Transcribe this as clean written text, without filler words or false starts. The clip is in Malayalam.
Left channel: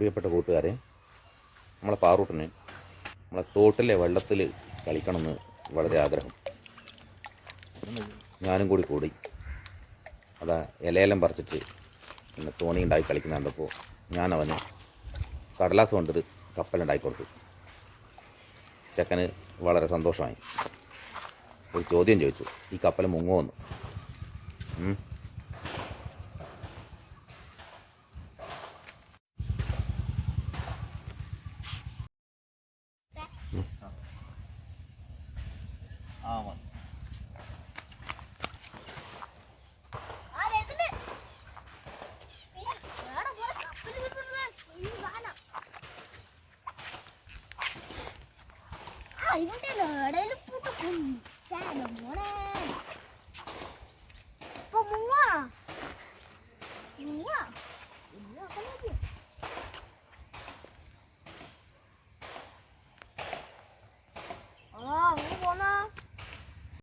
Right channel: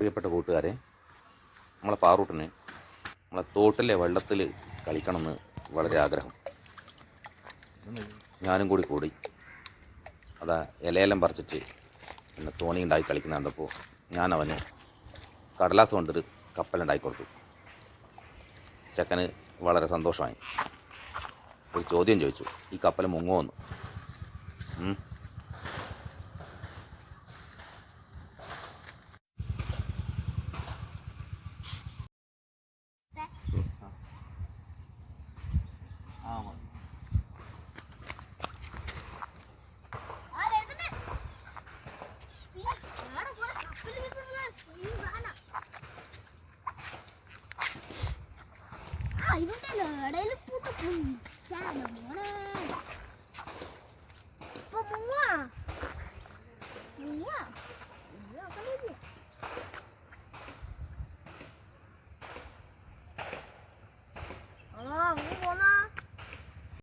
പ്രിയപ്പെട്ട കൂട്ടുകാരെ, നമ്മളെ പാറൂട്ടിന് നമ്മളെ തോട്ടിലെ വെള്ളത്തിൽ കളിക്കണമെന്ന് വളരെ ആഗ്രഹം. ഞാനും കൂടി അതാ ഇലയെല്ലാം പറിച്ചിട്ട് പിന്നെ തോണി ഉണ്ടാക്കി കളിക്കുന്ന കണ്ടപ്പോൾ ഞാൻ അവന് കടലാസ് കൊണ്ടൊരു കപ്പലുണ്ടാക്കി കൊടുത്തു. ചെക്കന് വളരെ സന്തോഷമായി. ഒരു ചോദ്യം ചോദിച്ചു, ഈ കപ്പൽ മുങ്ങുമോന്ന്.